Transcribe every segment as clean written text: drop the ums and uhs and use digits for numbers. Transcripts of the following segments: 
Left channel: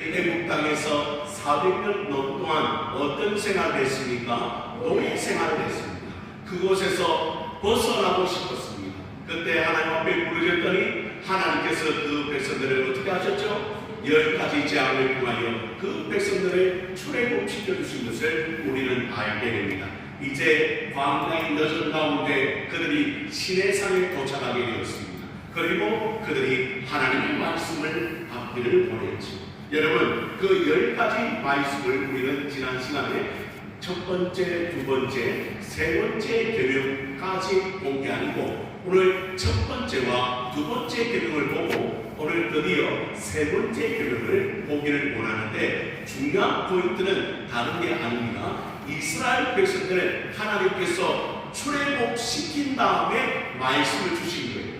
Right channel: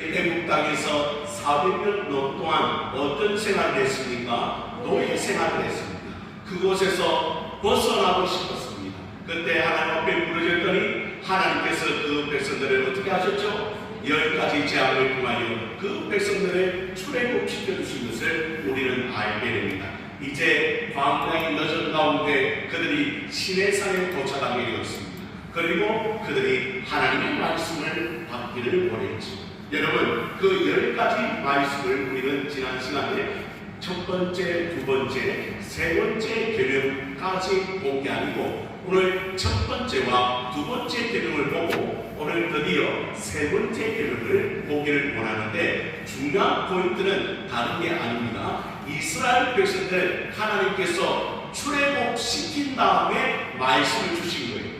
애국 땅에서 400년 동안 어떤 생활을 했습니까? 노예 생활을 했습니다. 그곳에서 벗어나고 싶었습니다. 그때 하나님 앞에 부르짖더니 하나님께서 그 백성들을 어떻게 하셨죠? 10가지 재앙을 통하여 그 백성들을 출애굽시켜 주신 것을 우리는 알게 됩니다. 이제 광야의 여정 가운데 그들이 시내산에 도착하게 되었습니다. 그리고 그들이 하나님의 말씀을 받기를 원했죠. 여러분, 그 10가지 말씀을 우리는 지난 시간에 첫 번째, 두 번째, 세 번째 계명까지 본 게 아니고 오늘 첫 번째와 두 번째 계명을 보고 오늘 드디어 세 번째 계명을 보기를 원하는데, 중요한 포인트는 다른 게 아닙니다. 이스라엘 백성들을 하나님께서 출애굽시킨 다음에 말씀을 주신 거예요.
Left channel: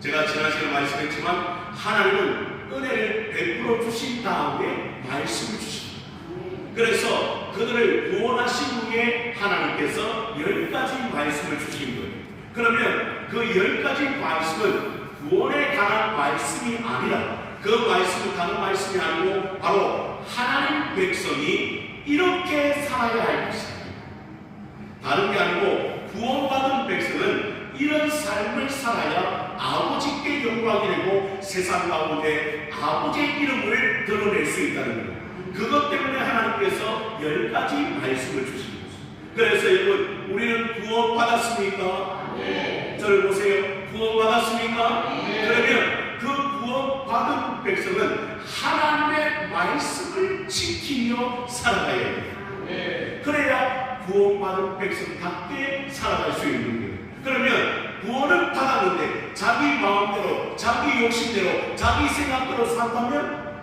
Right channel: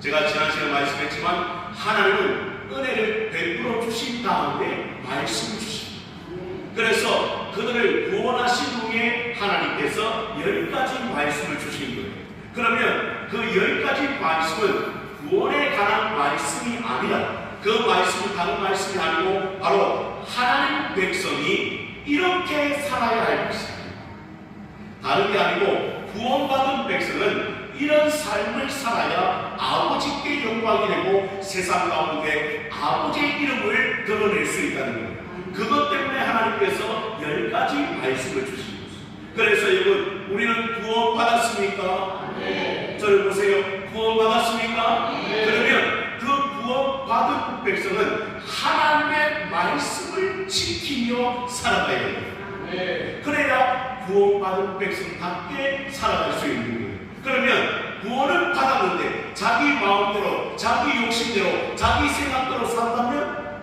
제가 지난 시간에 말씀했지만 하나님은 은혜를 베풀어 주신 다음에 말씀을 주십니다. 그래서 그들을 구원하신 후에 하나님께서 10가지 말씀을 주신 거예요. 그러면 그 10가지 말씀은 구원에 관한 말씀이 아니라, 그 말씀은 다른 말씀이 아니고 바로 하나님 백성이 이렇게 살아야 할 것이다. 다른 게 아니고 구원받은 백성은 이런 삶을 살아야 아버지께 영광이 되고 세상 가운데 아버지의 이름을 드러낼 수 있다는 거예요. 그것 때문에 하나님께서 10가지 말씀을 주신 것입니다. 그래서 여러분, 우리는 구원받았습니까? 네. 저를 보세요. 구원받았습니까? 네. 그러면 그 구원받은 백성은 하나님의 말씀을 지키며 살아가야 해요. 네. 그래야 구원받은 백성답게 살아갈 수 있는 거예요. 그러면 구원을 받았는데 자기 마음대로, 자기 욕심대로, 자기 생각대로 산다면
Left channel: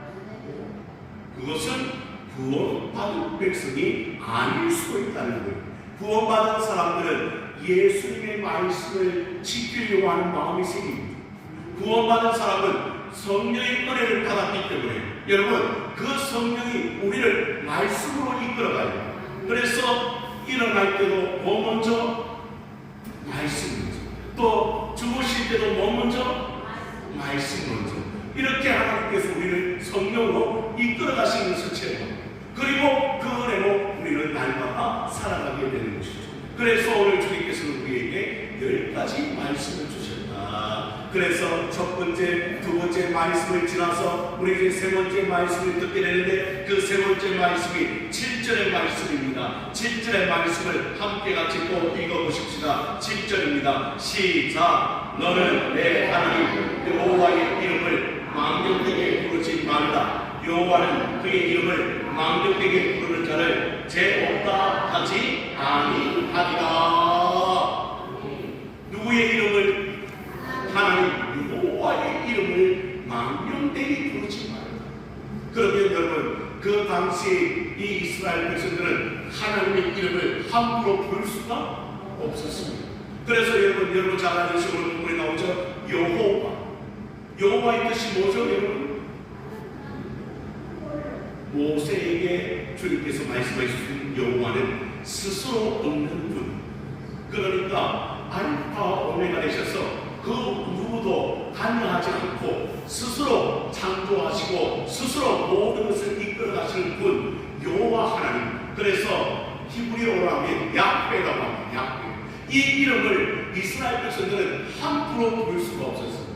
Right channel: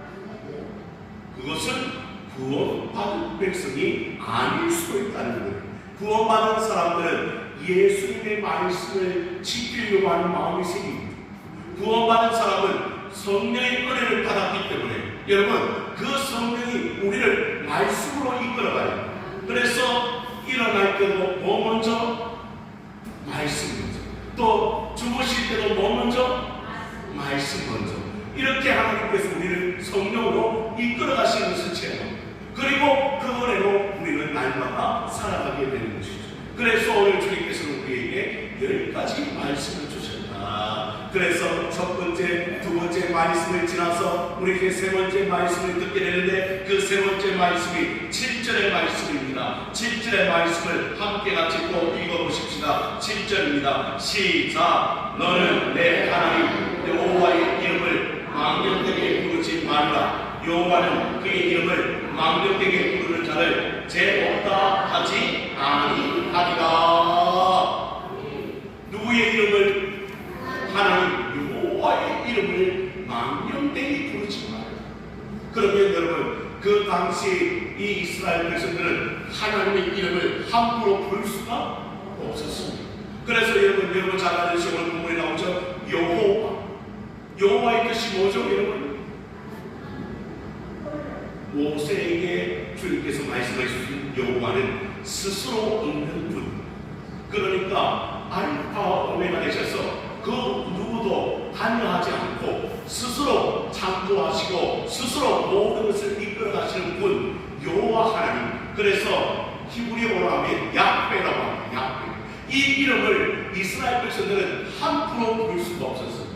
그것은 구원받은 백성이 아닐 수도 있다는 거예요. 구원받은 사람들은 예수님의 말씀을 지키려고 하는 마음이 생깁니다. 구원받은 사람은 성령의 은혜를 받았기 때문에 여러분, 그 성령이 우리를 말씀으로 이끌어가요. 그래서 일어날 때도 뭐 먼저? 말씀 먼저. 또 주무실 때도 뭐 먼저? 말씀 먼저. 이렇게 하나님께서 우리를 성령으로 이끌어 가시는 것처럼, 그리고 그 은혜로 우리는 날마다 살아가게 되는 것이죠. 그래서 오늘 주님께서는 우리에게 10가지 말씀을 주셨다. 그래서 첫 번째, 두 번째 말씀을 지나서 우리 이제 세 번째 말씀을 듣게 되는데, 그 세 번째 말씀이 7절의 말씀입니다. 7절의 말씀을 함께 같이 또 읽어보십시다. 7절입니다. 시작. 너는 내 하나님 여호와의 이름을 망령되게 부르지 말라. 여호와는 그의 이름을 망령되게 부르는 자를 죄없다 하지 아니하리라. 누구의 이름을? 하나님 여호와의 이름을 망령되게 부르지 말라. 그러면 여러분, 그 당시 이 이스라엘 백성들은 하나님의 이름을 함부로 부를 수가 없었습니다. 그래서 여러분 잘 아는 오늘 본문에 나오죠. 여호와의 뜻이 뭐죠, 여러분? 모세에게 주님께서 말씀하신 여호와는 스스로 없는 분. 그러니까 알파와 오메가 되셔서 그 누구도 관여하지 않고 스스로 창조하시고 스스로 모든 것을 이끌어 가시는 분, 여호와 하나님. 그래서 히브리어로 하면 야훼라고 합니다. 야훼. 이 이름을 이스라엘 백성들은 함부로 부를 수가 없었어요.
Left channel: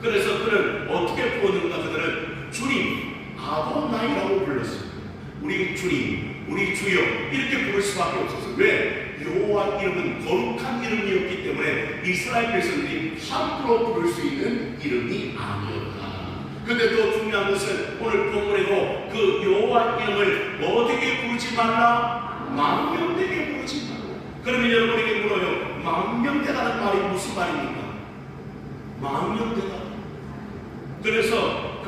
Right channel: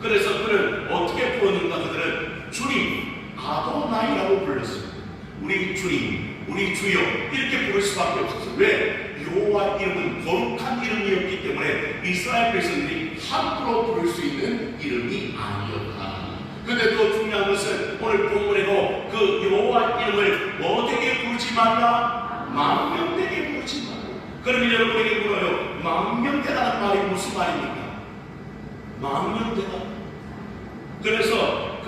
그래서 그를 어떻게 부르는가? 그들은 주님, 아도나이라고 불렀어요. 우리 주님, 우리 주여, 이렇게 부를 수밖에 없었어요. 왜? 여호와 이름은 거룩한 이름이었기 때문에 이스라엘 백성들이 함부로 부를 수 있는 이름이 아니었다. 근데 또 중요한 것은 오늘 본문에도 그 여호와 이름을 어떻게 부르지 말라? 망령되게 부르지 말라. 그러면 여러분에게 물어요. 망령되다는 말이 무슨 말입니까? 망령되다. 그래서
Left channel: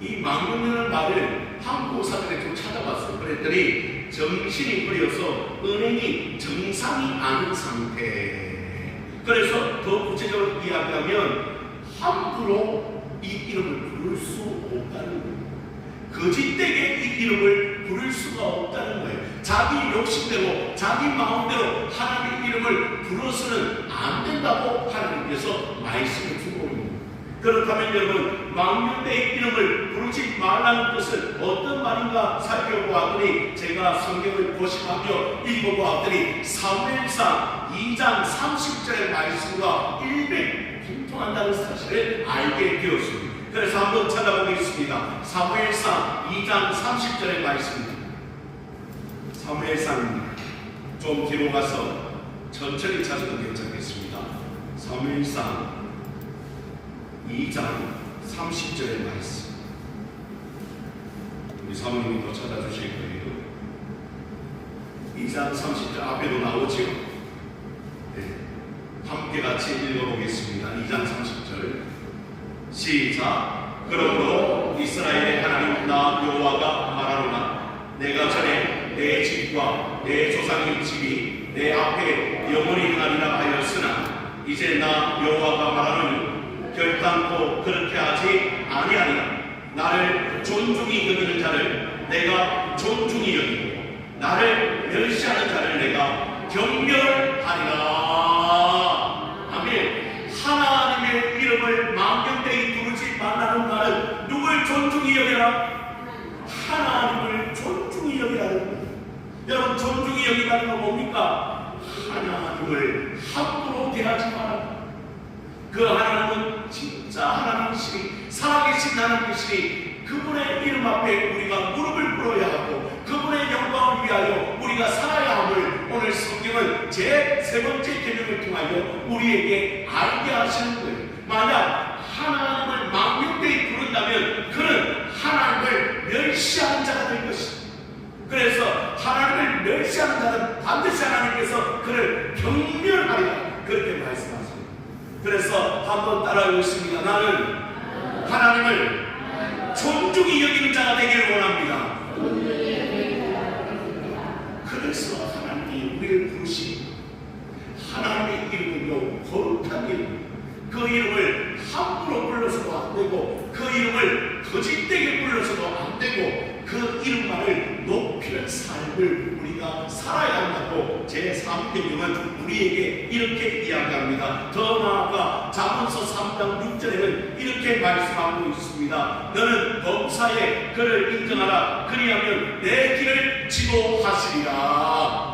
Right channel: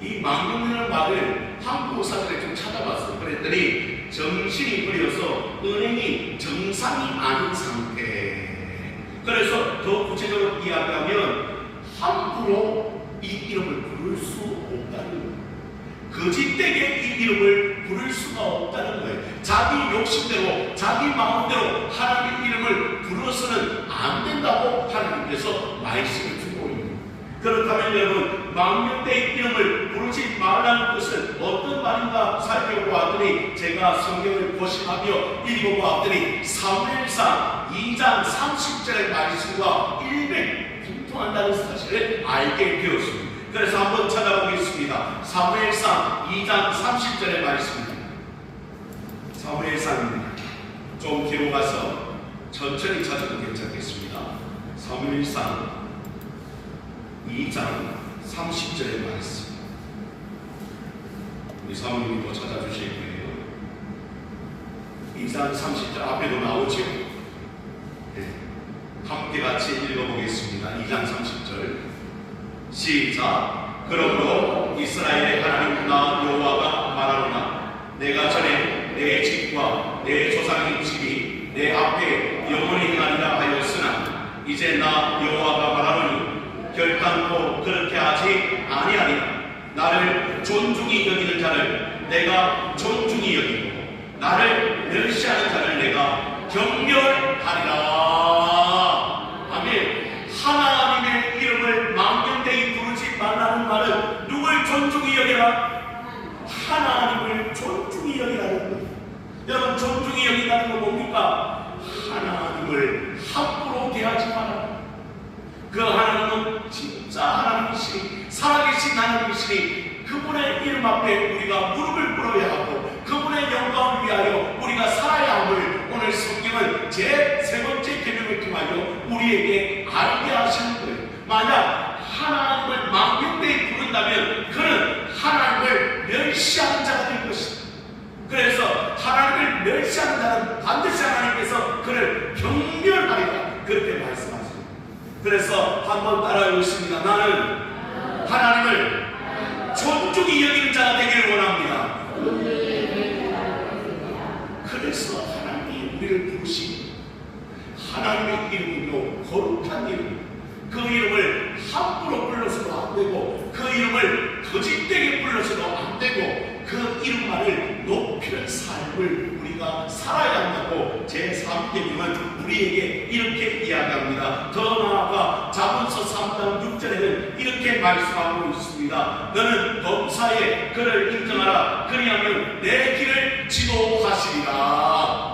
이 망령되는 말을 한국어사전에 좀 찾아봤어요. 그랬더니 정신이 흐려서 은행이 정상이 아닌 상태. 그래서 더 구체적으로 이야기하면 함부로 이 이름을 부를 수 없다는 거예요. 거짓되게 이 이름을 부를 수가 없다는 거예요. 자기 욕심대로, 자기 마음대로 하나님의 이름을 부르서는 안 된다고 하나님께서 말씀해 주고 있는 거예요. 그렇다면 여러분, 여러분 망령되의 이름을 부르지 말라는 것은 어떤 말인가 살펴보았더니 제가 성경을 고심하며 읽어보았더니 사무엘상 2장 30절의 말씀과 일맥통한다는 사실을 알게 되었습니다. 그래서 한번 찾아보겠습니다. 사무엘상 2장 30절의 말씀입니다. 사무엘상 좀 뒤로 가서 천천히 찾아도 괜찮겠습니다. 사무엘상 2장 30절의 말씀. 우리 사모님이 또 찾아주실 거예요. 2장 30절 앞에도 나오죠. 네. 함께 같이 읽어보겠습니다. 2장 30절 시작. 그러므로 이스라엘의 하나님 나 여호와가 말하노라. 내가 전에 내 집과 내 조상의 집이 내 앞에 영원히 행하리라 하였으나 이제 나 여호와가 말하노니 결단코 그렇게 하지 아니하리라. 나를 존중히 여기는 자를 내가 존중히 여기고 나를 멸시하는 자를 내가 경멸하리라. 아멘. 하나님의 이름을 망령되이 부르지 말라는 말은 누굴 존중히 여기라? 하나님을 존중히 여기라는 거예요. 여러분 존중히 여기라는 건 뭡니까? 하나님을 함부로 대하지 마라. 그 하나님은 진짜 하나님이시니 살아계신 하나님이시니 그분의 이름 앞에 우리가 무릎을 꿇어야 하고 그분의 영광을 위하여 우리가 살아야 함을 오늘 성경은 제 세 번째 계명을 통하여 우리에게 알게 하시는 거예요. 만약 하나님을 망령되이 부른다면 그는 하나님을 멸시하는 자가 될 것입니다. 그래서 하나님을 멸시하는 자는 반드시 하나님께서 그를 경멸하리라 그렇게 말씀하십니다. 그래서 한번 따라해보겠습니다. 나는 하나님을 존중히 여기는 자가 되기를 원합니다. 그래서 하나님이 우리를 부르신 하나님의 이름은요 거룩한 이름. 그 이름을 함부로 불러서도 안 되고 그 이름을 거짓되게 불러서도 안 되고 그 이름만을 높이는 삶을 우리가 살아야 한다고 제3계명은 우리에게 이렇게 이야기합니다. 더 나아가 잠언서 3장 6절에는 이렇게 말씀하고 있습니다. 너는 범사에 그를 인정하라. 그리하면 내 길을 지도하시리라.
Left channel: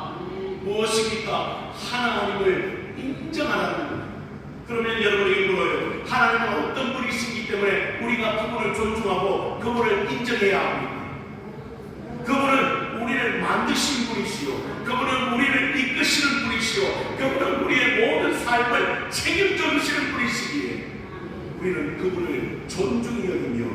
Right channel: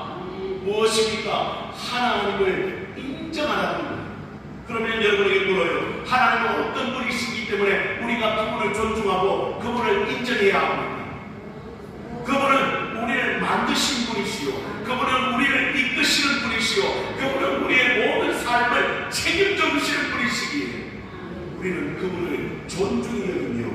무엇입니까? 하나님을 인정하라는 거예요. 그러면 여러분에게 물어요. 하나님은 어떤 분이시기 때문에 우리가 그분을 존중하고 그분을 인정해야 합니다. 그분은 우리를 만드신 분이시요, 그분은 우리를 이끄시는 분이시요, 그분은 우리의 모든 삶을 책임져 주시는 분이시기에 우리는 그분을 존중히 여기며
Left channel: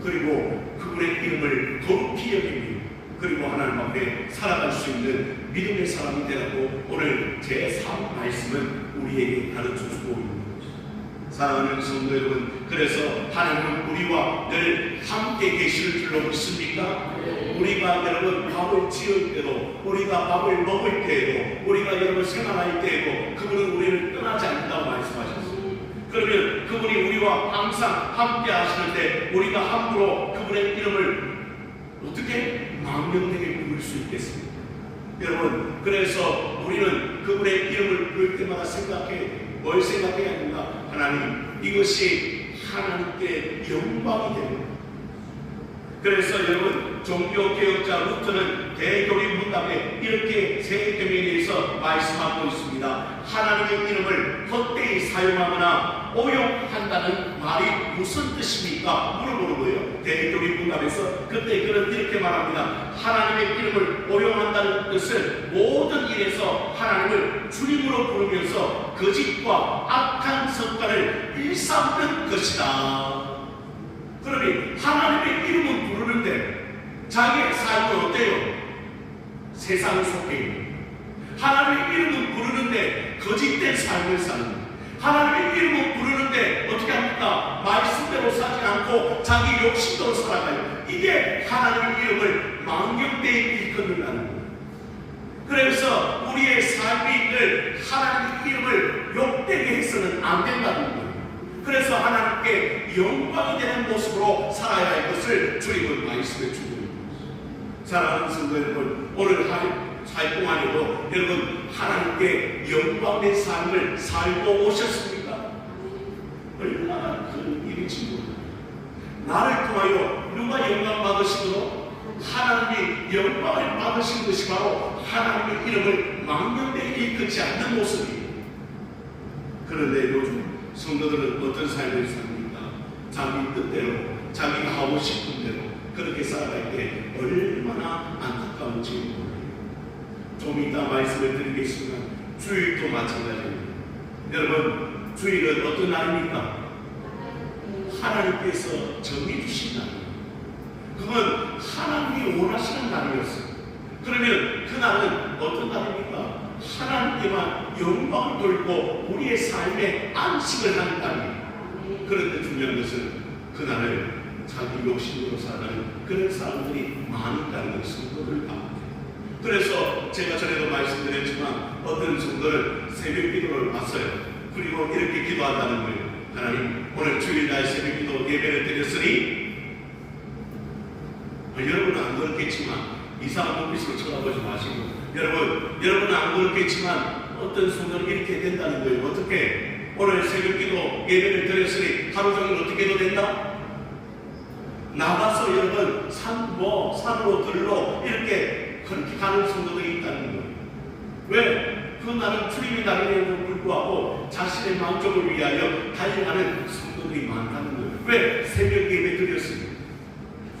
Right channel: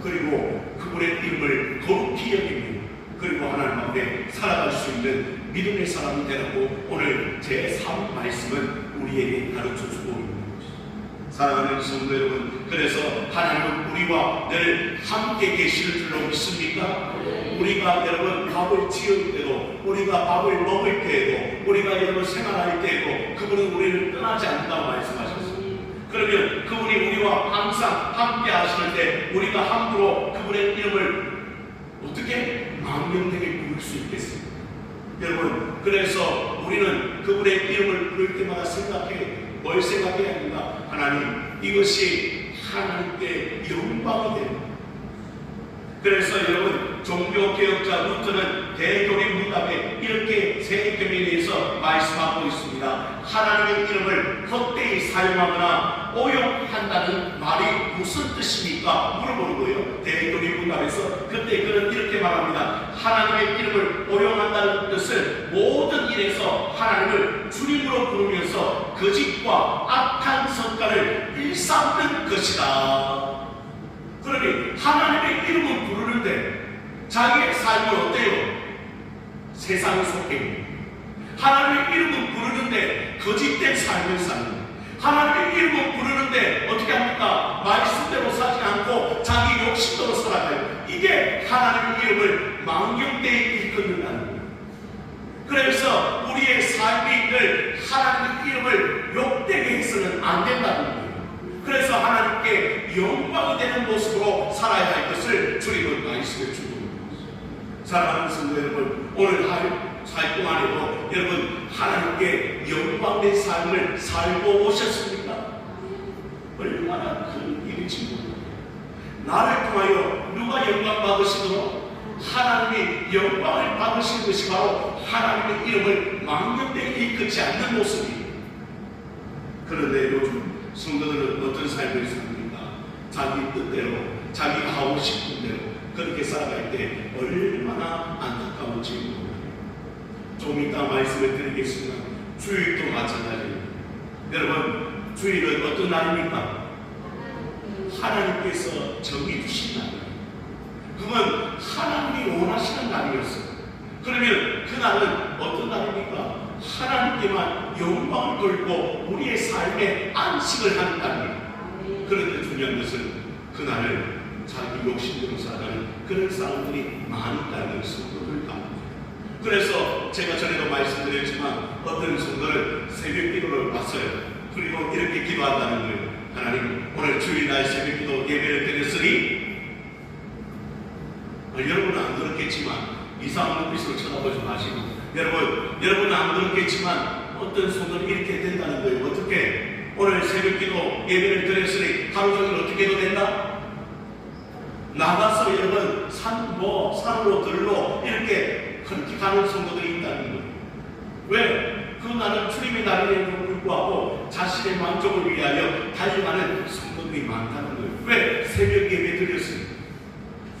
그리고 그분의 이름을 거룩히 여기며 그리고 하나님 앞에 살아갈 수 있는 믿음의 사람이 되라고 오늘 제3 말씀은 우리에게 가르쳐주고 있는 것입니다. 사랑하는 성도 여러분, 그래서 하나님은 우리와 늘 함께 계시는 줄로 믿습니까? 우리가 여러분 밥을 지을 때도 우리가 밥을 먹을 때에도 우리가 여러분 생활할 때에도 그분은 우리를 떠나지 않는다고 말씀하셨습니다. 그러면 그분이 우리와 항상 함께 하시는데 우리가 함부로 그분의 이름을 어떻게 망령되게 부를 수 있겠습니까? 여러분, 그래서 우리는 그분의 이름을 부를 때마다 뭘 생각해야 합니까? 하나님, 이것이 하나님께 영광이 됩니다. 그래서 여러분, 종교개혁자 루터는 대교리문답에 이렇게 세 계명에 대해서 말씀하고 있습니다. 하나님의 이름을 헛되이 사용하거나 오용한다는 말이 무슨 뜻입니까? 물어보는 거예요. 대교리문답에서 그때 그는 이렇게 말합니다. 하나님의 이름을 오용한다는 뜻은 모든 일에서 하나님을 주님으로 부르면서 거짓과 악한 성과를 일삼는 것이다. 그러니 하나님의 이름은 부르는데 자기의 삶은 어때요? 세상에 속해 있는 하나님의 이름은 부르는데 거짓된 삶을 사는 하나님의 이름은 부르는데 어떻게 합니까? 말씀대로 사지 않고 자기 욕심대로 살아가요. 이게 하나님의 이름을 망령되이 일컫는다는 거예요. 그래서 우리의 삶이 늘 하나님의 이름을 욕되게 해서는 안 된다는 거예요. 그래서 하나님께 영광이 되는 모습으로 살아야 할 것을 주님은 말씀해 주고 있는 것입니다. 사랑하는 성도 여러분, 오늘 살 동안에도 여러분 하나님께 영광된 삶을 살고 오셨습니까? 얼마나 큰 일인지 모릅니다. 나를 통하여 누가 영광 받으시도록 하나님이 영광을 받으신 것이 바로 하나님의 이름을 망령되이 이끌지 않는 모습이에요. 그런데 요즘 성도들은 어떤 삶을 삽니까? 자기 뜻대로, 자기가 하고 싶은 대로 그렇게 살아갈 때 얼마나 안타까운지 몰라요. 좀 이따 말씀을 드리겠지만 주일도 마찬가지입니다. 여러분, 주일은 어떤 날입니까? 하나님께서 정해주신 날이에요. 그건 하나님이 원하시는 날이었어요. 그러면 그 날은 어떤 날입니까? 하나님께만 영광을 돌고 우리의 삶에 안식을 하는 날이에요. 그런데 중요한 것은 그 날을 자기 욕심대로 살아가는 그런 사람들이 많다는 성도들 가운데. 그래서 제가 전에도 말씀드렸지만 어떤 성도를 새벽 기도를 봤어요. 그리고 이렇게 기도한다는 거예요. 하나님, 오늘 주일날 새벽 기도 예배를 드렸으니 여러분은 안 그렇겠지만 이상한 눈빛으로 쳐다보지 마시고, 여러분은 안 그렇겠지만 어떤 성도는 이렇게 된다는 거예요. 어떻게? 오늘 새벽 기도 예배를 드렸으니 하루 종일 어떻게 해도 된다? 나가서 여러분 산으로 들로 이렇게 그렇게 가는 성도들이 있다는 거예요. 왜? 그 날은 주님의 날임에도 불구하고 자신의 만족을 위하여 달려가는 성도들이 많다는 거예요. 왜? 새벽 예배 드렸으니.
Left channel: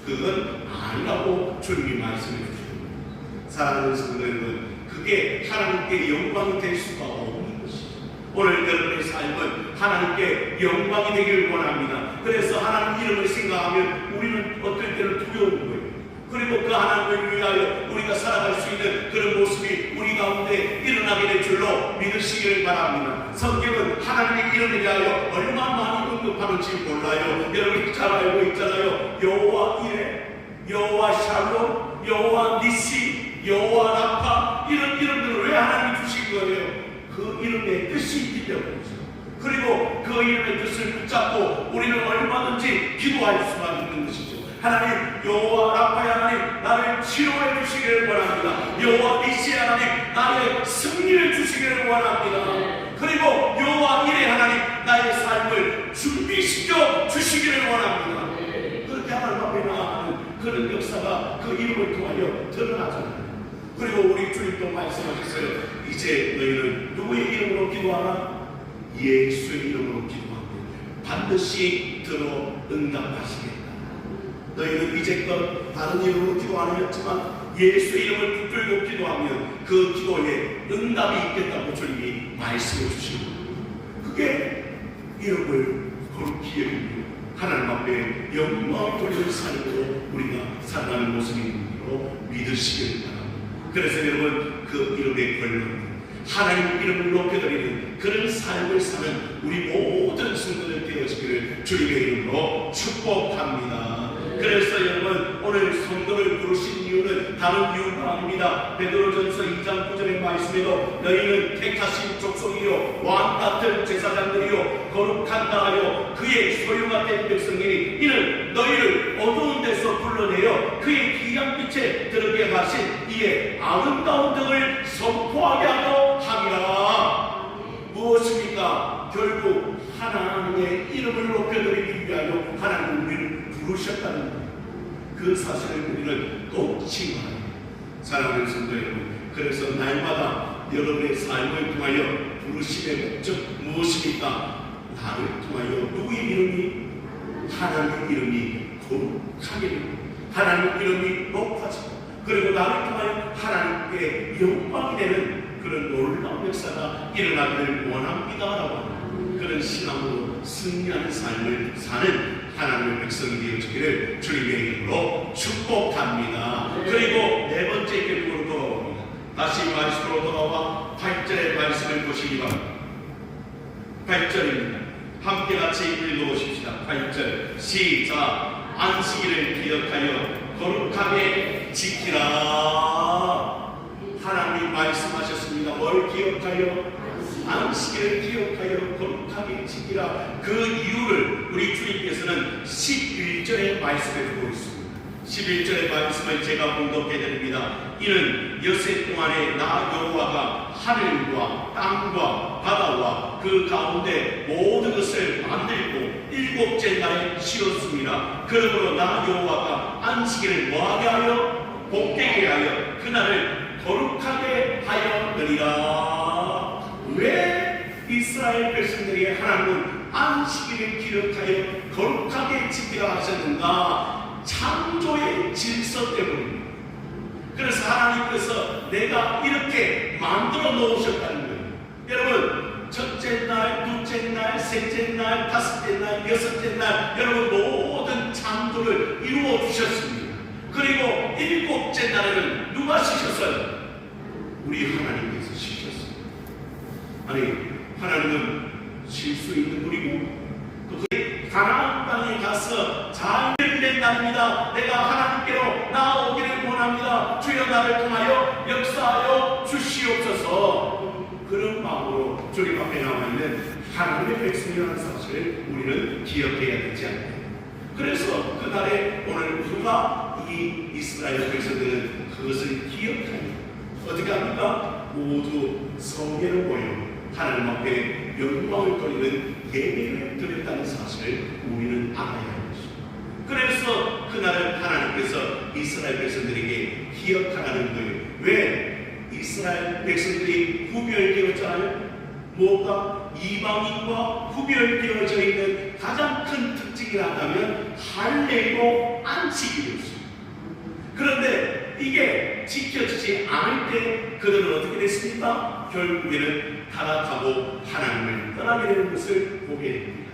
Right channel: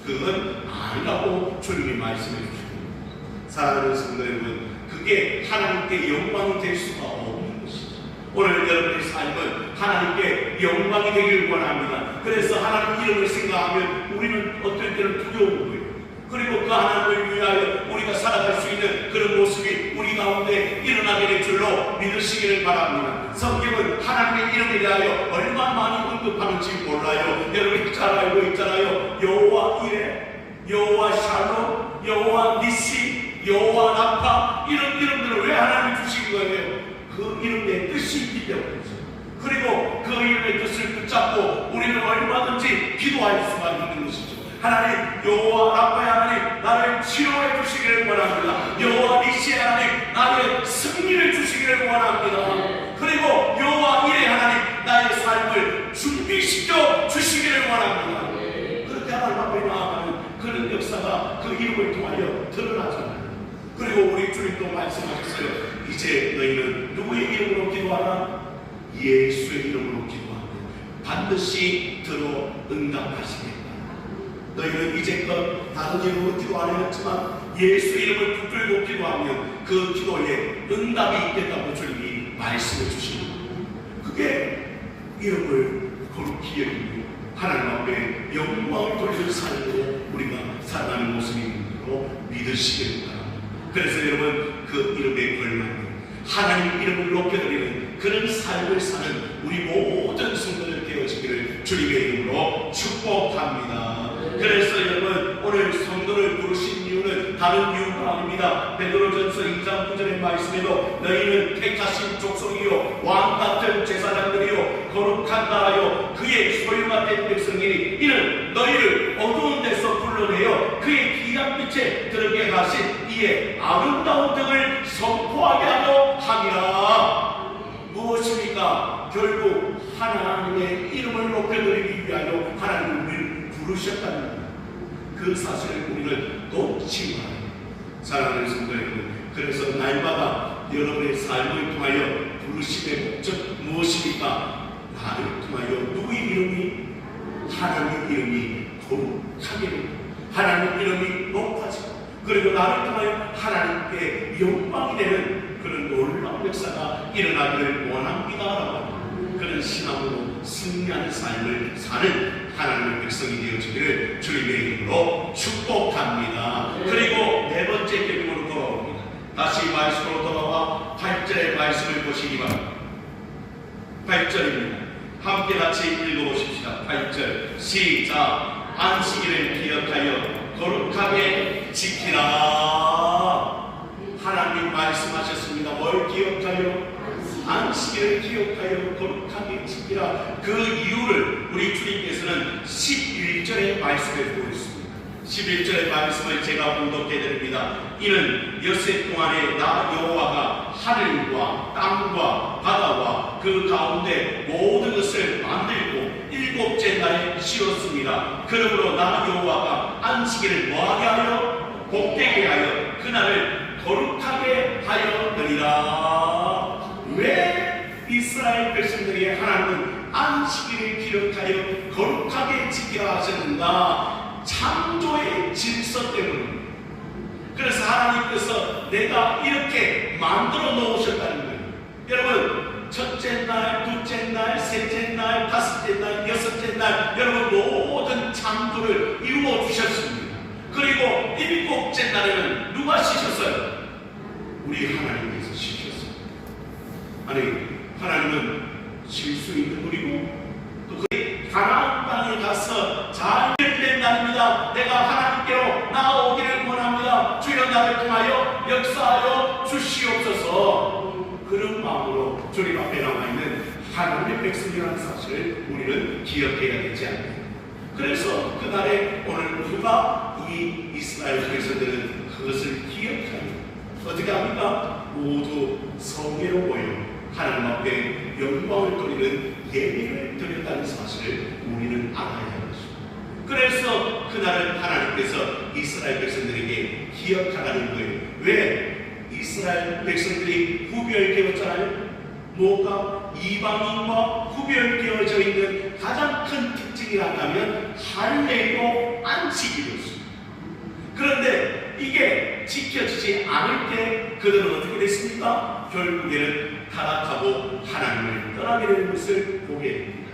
그건 아니라고 주님이 말씀해 주십니다. 사랑하는 성도 여러분, 그게 하나님께 영광이 될 수가 없는 것이죠. 오늘 여러분의 삶은 하나님께 영광이 되기를 원합니다. 그래서 하나님 이름을 생각하면 우리는 어떨 때는 두려운 거예요. 그리고 그 하나님을 위하여 우리가 살아갈 수 있는 그런 모습이 우리 가운데 일어나게 될 줄로 믿으시기를 바랍니다. 성경은 하나님의 이름을 위하여 얼마나 많이 언급하는지 몰라요. 여러분이 잘 알고 있잖아요. 여호와 이레, 여호와 샬롬, 여호와 니시, 여호와 라파, 이런 이름들을 왜 하나님이 주신 거예요? 그 이름의 뜻이 있기 때문이죠. 그리고 그 이름의 뜻을 붙잡고 우리는 얼마든지 기도할 수가 있는 것이죠. 하나님, 여호와 라파의 하나님, 나를 치료해 주시기를 원합니다. 여호와 니시 하나님, 나의 승리를 주시기를 원합니다. 그리고 여호와 이레 하나님, 나의 삶을 준비시켜 주시기를 원합니다. 그렇게 하나님 앞에 나아가는 그런 역사가 그 이름을 통하여 드러나잖아요. 그리고 우리 주님도 말씀하셨어요. 이제 너희는 누구의 이름으로 기도하라? 예수의 이름으로 기도하고 반드시 들어 응답하시겠다. 너희는 이제껏 다른 이름으로 기도 안 했지만 예수 이름을 붙들고 기도하면 그 기도에 응답이 있겠다고 주님이 말씀해 주시는 거예요. 그게 이름을 거룩히 여기고 하나님 앞에 영광을 돌리는 삶으로 우리가 살아가는 모습이므로 믿으시길 바랍니다. 그래서 여러분, 그 이름에 걸맞는 하나님 이름을 높여드리는 그런 삶을 사는 우리 모든 성도들 되어지기를 주님의 이름으로 축복합니다. 그래서 여러분, 오늘 성도를 부르신 이유는 다른 이유가 아닙니다. 베드로전서 2장 9절의 말씀에도 너희는 택하신 족속이요 왕같은 제사장들이요 거룩한다 하여 그의 소유가 된 백성이니 이는 너희를 어두운 데서 불러내어 그의 귀한 빛에 들게 하신 이의 아름다운 등을 선포하게 하려 함이라. 무엇입니까? 결국 하나님의 이름을 높여드리기 위하여 하나님을 우리를 부르셨다는 것. 그 사실을 우리는 놓치지 말아야 합니다. 사랑하는 성도 여러분, 그래서 날마다 여러분의 삶을 통하여 부르심의 목적 무엇입니까? 나를 통하여 누구의 이름이? 하나님의 이름이 거룩하게, 하나님의 이름이 높아지고, 그리고 나를 통하여 하나님께 영광이 되는 그런 놀라운 역사가 일어나기를 원합니다라고 그런 신앙으로 승리하는 삶을 사는 하나님의 백성이 되어지기를 주님의 이름으로 축복합니다. 그리고 네 번째 결국으로 돌아옵니다. 다시 말씀으로 돌아와 8절의 말씀을 보시기 바랍니다. 8절입니다. 함께 같이 읽어보십시다. 8절 시작. 안식일을 기억하여 거룩하게 지키라. 하나님 말씀하셨습니다. 뭘 기억하여? 안식일을 기억하여 거룩하게 지키라. 그 이유를 우리 주님께서는 11절에 말씀해 주고 있습니다. 11절의 말씀을 제가 봉독해 드립니다. 이는 엿새 동안에 나 여호와가 하늘과 땅과 바다와 그 가운데 모든 것을 만들고 일곱째 날에 쉬었습니다. 그러므로 나 여호와가 안식일을 뭐하게 하여? 복되게 하여 그날을 거룩하게 하였느니라. 왜 이스라엘 백성들에게 하나님은 안식일을 기록하여 거룩하게 지키라 하셨는가? 창조의 질서 때문입니다. 그래서 하나님께서 내가 이렇게 만들어 놓으셨다는 거예요. 여러분, 첫째 날, 둘째 날, 셋째 날, 다섯째 날, 여섯째 날, 여러분 모든 창조를 이루어 주셨습니다. 그리고 일곱째 날에는 누가 쉬셨어요? 우리 하나님께서 쉬셨어요. 아니, 하나님은 쉴 수 있는 분이고 그 가나안 땅에 가서 잘 된 날입니다. 내가 하나님께로 나아오기를 원합니다. 주여 나를 통하여 역사하여 주시옵소서. 그런 마음으로 주님 앞에 나와 있는 하나님의 백성이라는 사실을 우리는 기억해야 되지 않습니까? 그래서 그날에 오늘 누가 이 이스라엘 백성들은 그것을 기억하여 어떻게 합니까? 모두 성회로 모여 하나님 앞에 영광을 돌리는 예배를 드렸다는 사실을 우리는 알아야 합니다. 그래서 그날은 하나님께서 이스라엘 백성들에게 기억하라는 거예요. 왜? 이스라엘 백성들이 구별되었잖아요. 뭐가? 이방인과 구별되어져 있는 가장 큰 특징이라면 할례고 안식일이었습니다. 그런데 이게 지켜지지 않을 때 그들은 어떻게 됐습니까? 결국에는 타락하고 하나님을 떠나게 되는 것을 보게 됩니다.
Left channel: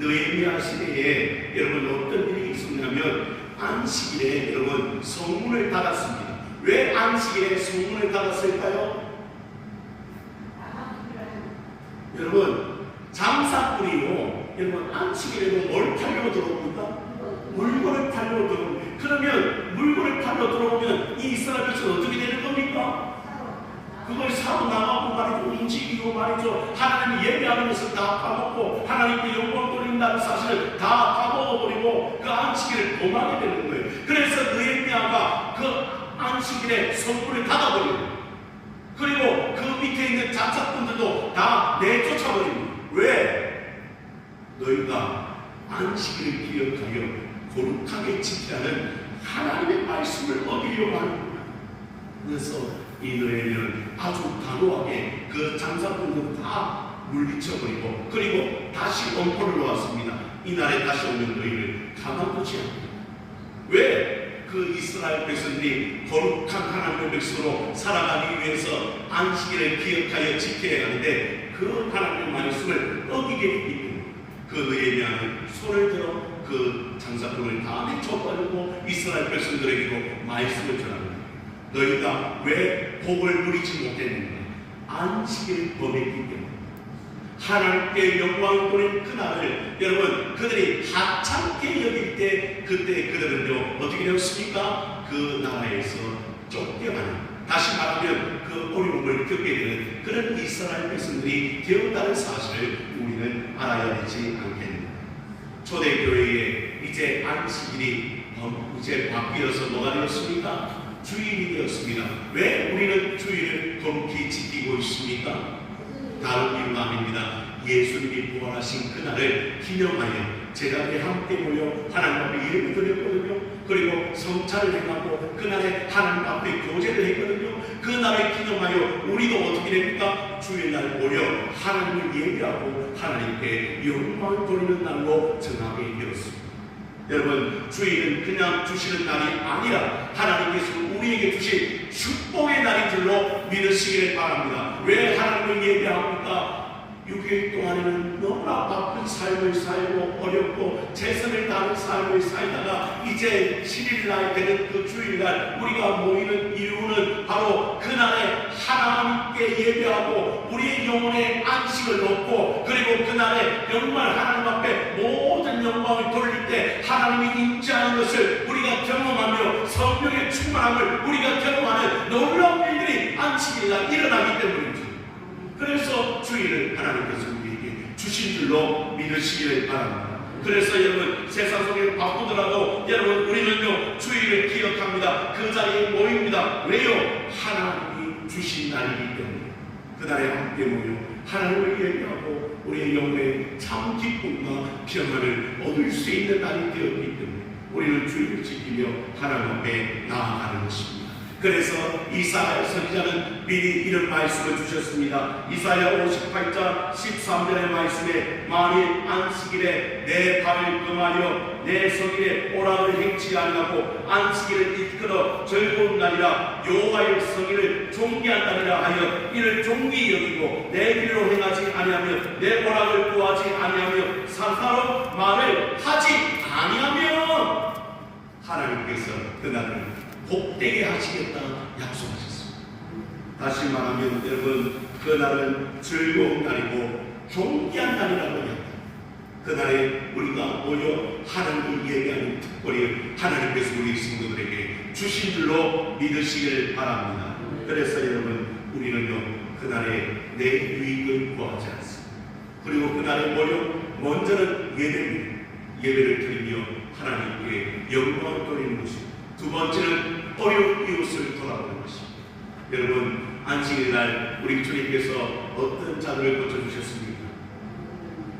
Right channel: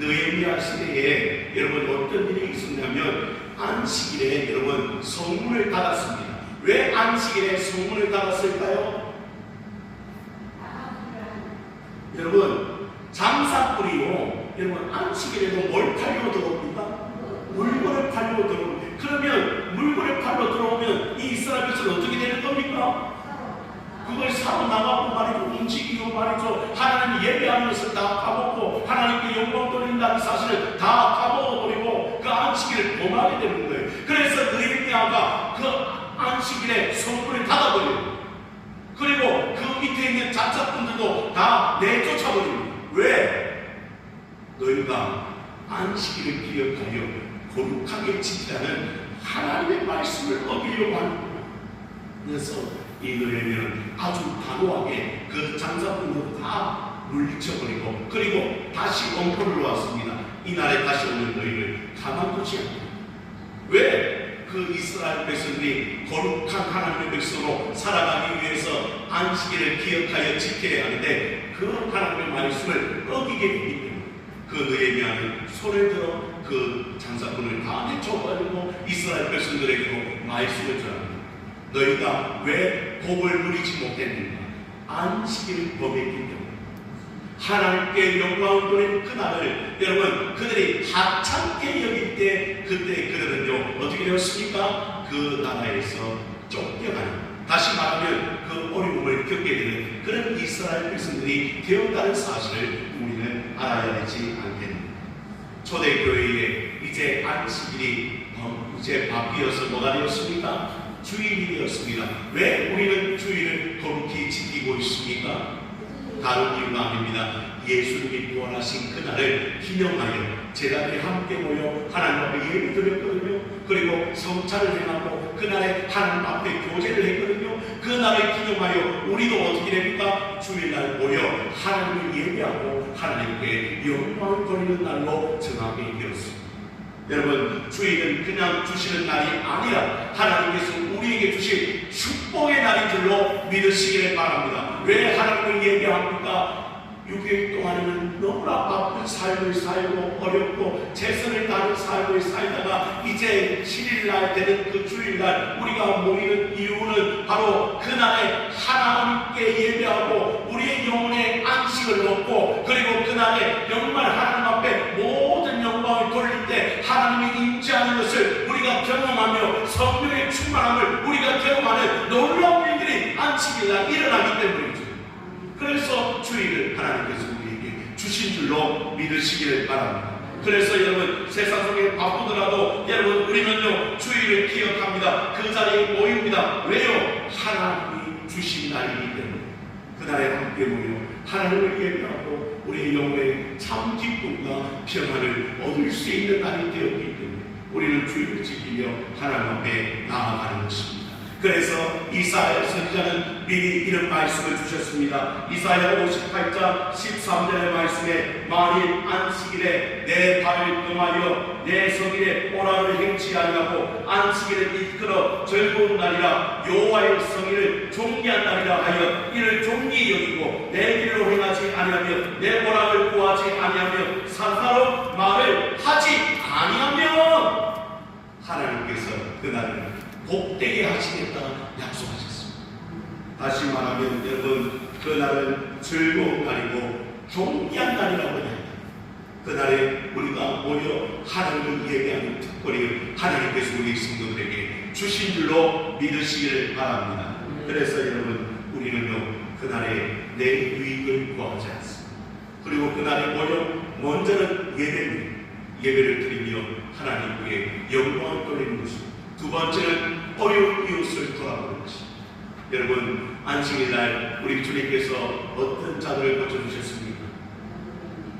느헤미야 시대에 여러분 어떤 일이 있었냐면 안식일에 여러분 성문을 닫았습니다. 왜 안식일에 성문을 닫았을까요? 여러분 장사꾼이요, 여러분 안식일에도 뭘 팔려 들어옵니까? 물건을 팔려 들어옵니다. 그러면 물건을 팔려 들어오면 이 이스라엘 백성은 어떻게 되는 겁니까? 그걸 사고 나가고 말이죠. 움직이고 말이죠. 하나님 예배하는 것을 다 까먹고 하나님께 영광 돌린다는 사실을 다 까먹어버리고 그 안식일을 범하게 되는 거예요. 그래서 느헤미야가 그 안식일에 성문을 닫아버려요. 그리고 그 밑에 있는 장사꾼들도 다 내쫓아버립니다. 왜? 너희가 안식일을 기억하여 거룩하게 지키라는 하나님의 말씀을 어기려고 하는 거예요. 그래서 이 느헤미야는 아주 단호하게 그 장사꾼들 다 물리쳐버리고 그리고 다시 엄포를 놓았습니다. 이날에 다시 오는 너희를 가만두지 않고. 왜? 그 이스라엘 백성들이 거룩한 하나님의 백성으로 살아가기 위해서 안식일을 기억하여 지켜야 하는데 그 하나님의 말씀을 어기게 되기 때문에 그 느헤미야는 손을 들어 그 장사꾼을 다 내쳐버리고 이스라엘 백성들에게도 말씀을 전합니다. 너희가 왜 복을 누리지 못했는가? 안식일을 범했기 때문에. 하나님께 영광을 돌린 그날을 여러분 그들이 하찮게 여길 때 그때 그들은요 어떻게 되었습니까? 그 나라에서 쫓겨가는, 다시 말하면 그 어려움을 겪게 되는 그런 이스라엘 백성들이 되었다는 사실을 우리는 알아야 되지 않겠는가? 초대교회에 이제 안식일이 이제 바뀌어서 뭐가 되었습니까? 주일이 되었습니다. 왜 우리는 주일을 거룩히 지키고 있습니까? 다른 이유가 아닙니다. 예수님이 부활하신 그날을 기념하여 제자들이 함께 모여 하나님 앞에 예배 드렸거든요. 그리고 성찬을 행하고 그날에 하나님 앞에 교제를 했거든요. 그날을 기념하여 우리도 어떻게 됩니까? 주일날 모여 하나님을 예배하고 하나님께 영광을 돌리는 날로 정하게 되었습니다. 여러분 주일은 그냥 주시는 날이 아니라 하나님께서 우리에게 주신 축복의 날인 줄로 믿으시기를 바랍니다. 왜 하나님을 예배합니까? 6일 동안에는 너무나 바쁜 삶을 살고 어렵고 최선을 다하는 삶을 살다가 이제 7일날 되는 그 주일날 우리가 모이는 이유는 바로 그날에 하나님께 예배하고 우리의 영혼의 안식을 얻고 그리고 그날에 정말 하나님 앞에 모든 영광을 돌릴 때 하나님이 임재하는 것을 우리가 경험하며 성령의 충만함을 우리가 경험하는 놀라운 일들이 안식일날 일어나기 때문이죠. 그래서 주일을 하나님께서 우리에게 주신 줄로 믿으시기를 바랍니다. 그래서 여러분 세상 속에 바쁘더라도 여러분 우리는요 주일을 기억합니다. 그 자리에 모입니다. 왜요? 하나님이 주신 날이기 때문에 그날에 함께 모여 하나님을 예배하고 우리의 영혼에 참 기쁨과 평안을 얻을 수 있는 날이 되었기 때문에 우리는 주일을 지키며 하나님 앞에 나아가는 것입니다. 그래서 이사야 선지자는 미리 이런 말씀을 주셨습니다. 이사야 58장 13절의 말씀에 만일 안식일에 내 발을 금하여 내 성일에 오락을 행치 아니하고 안식일을 이끌어 즐거운 날이라 여호와의 성일을 존귀한 날이라 하여 이를 존귀히 여기고 내 길로 행하지 아니하며 내 오락을 구하지 아니하며 사사로운 말을 하지 아니하면 하나님께서 그날을 복되게 하시겠다 약속하셨습니다. 다시 말하면 여러분 그날은 즐거운 날이고 존귀한 날이라고 합니다. 그날에 우리가 모여 하나님을 예배하는 특권이 하나님께서 우리 성도들에게 주신 줄로 믿으시기를 바랍니다. 그래서 여러분 우리는요 그날에 내 유익을 구하지 않습니다. 그리고 그날에 모여 먼저는 예배를 드리며 하나님께 영광을 돌리는 것입니다. 두 번째는 어려운 이웃을 돌아보는 것입니다. 여러분 안식일날 우리 주님께서 어떤 자들을 고쳐주셨습니까?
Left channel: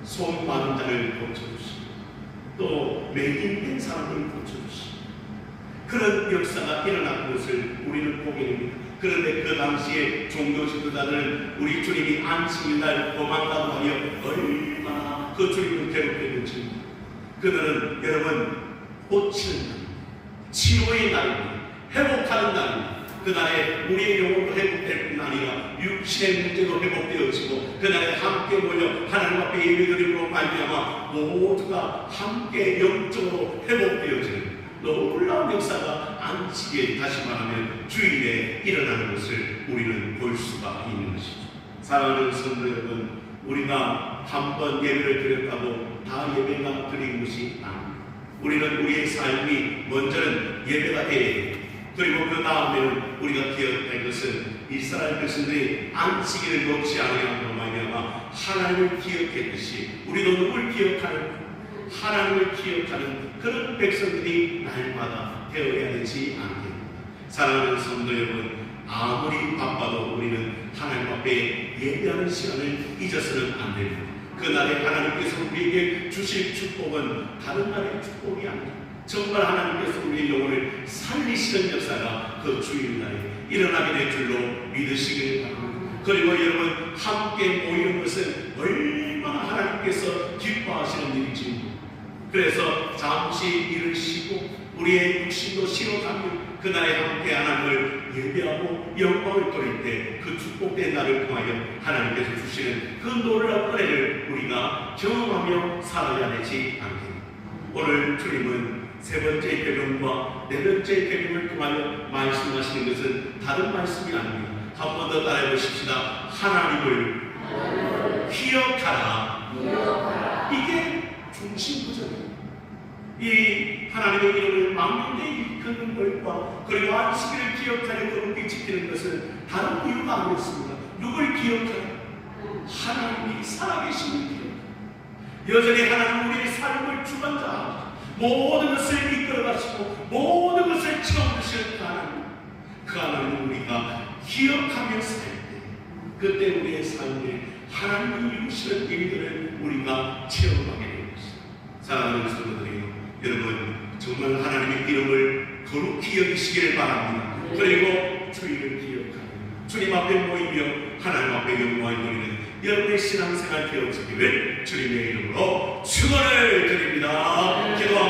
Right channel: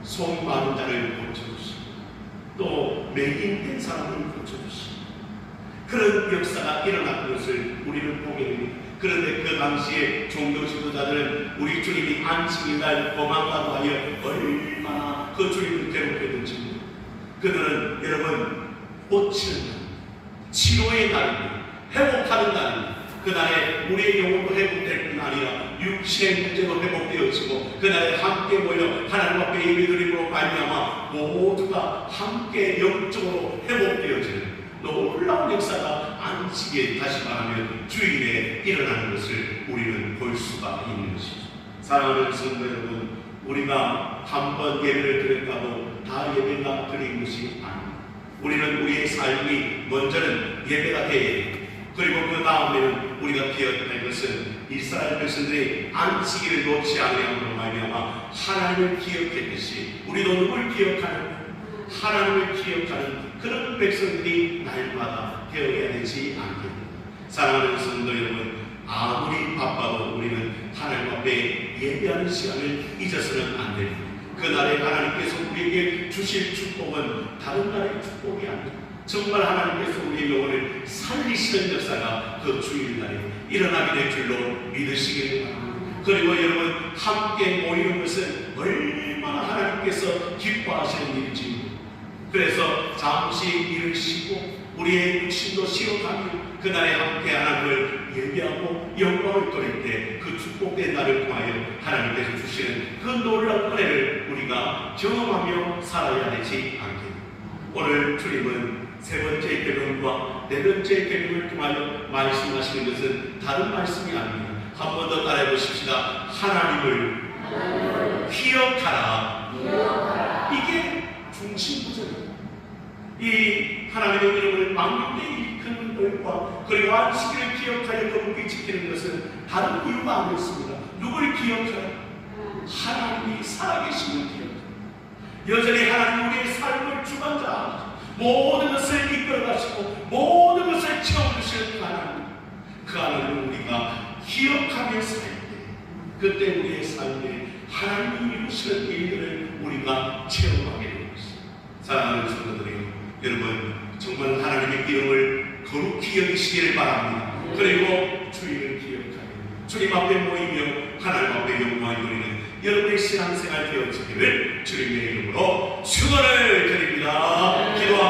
손 많은 자를 고쳐주시고 또 매인된 사람을 고쳐주시고 그런 역사가 일어난 것을 우리는 보게 됩니다. 그런데 그 당시에 종교 지도자들은 우리 주님이 안식일날 도망가고 하여 얼마나 그 주님을 괴롭혔는지 그들은 여러분 고치는 날, 치료의 날입니다. 회복하는 날입니다. 그날에 우리의 영혼도 회복될 뿐 아니라 육신의 문제도 회복되어지고 그날에 함께 모여 하나님 앞에 예배드림으로 말미암아 모두가 함께 영적으로 회복되어지는 놀라운 역사가 안식일에 다시 말하면 주일에 일어나는 것을 우리는 볼 수가 있는 것이죠. 사랑하는 성도 여러분, 우리가 한 번 예배를 드렸다고 다 예배가 드린 것이 아닙니다. 우리는 우리의 삶이 먼저는 예배가 되어야 됩니다. 그리고 그 다음에는 우리가 기억할 것은 이스라엘 백성들이 안식일을 놓지 않으므로 말미암아 하나님을 기억했듯이 우리도 누굴 기억하는 하나님을 기억하는 그런 백성들이 날마다 되어야 되지 않겠습니까? 사랑하는 성도 여러분, 아무리 바빠도 우리는 하나님 앞에 예배하는 시간을 잊어서는 안 됩니다. 그날에 하나님께서 우리에게 주실 축복은 다른 날의 축복이 아닙니다. 정말 하나님께서 우리의 영혼을 살리시는 역사가 그 주일날에 일어나게 될 줄로 믿으시기를 바랍니다. 그리고 여러분 함께 모이는 것은 얼마나 하나님께서 기뻐하시는 일인지 그래서 잠시 일을 쉬고 우리의 육신도 쉬어가며 그날에 함께 하나님을 예배하고 영광을 돌릴 때 그 축복된 날을 통하여 하나님께서 주시는 그 놀라운 은혜를 우리가 경험하며 살아야 되지 않겠습니까? 오늘 주님은 세 번째 계명과 네 번째 계명을 통하여 말씀하시는 것은 다른 말씀이 아닙니다. 한 번 더 따라해 보십시다. 하나님을 기억하라. 이게 중심 구절입니다. 이 하나님의 이름을 망령되이 일컫는 것과 그리고 안식일을 기억하여 거룩히 지키는 것은 다른 이유가 아니었습니다. 누굴 기억하라? 하나님이 살아계심을 기억하라. 여전히 하나님 우리의 삶을 주관자 모든 것을 이끌어가시고 모든 것을 채워주시는 그 하나님을 우리가 기억하며 살 때 그때 우리의 삶에 하나님이 이루시는 일들을 우리가 체험하게 되는 것입니다. 사랑하는 성도들이요, 여러분 정말 하나님의 이름을 거룩히 여기시기를 바랍니다. 그리고 주일을 기억하며 주님 앞에 모이며 하나님 앞에 영광을 돌리는 여러분의 신앙생활 되어지기를 주님의 이름으로 축원을 드립니다. 기도합니다.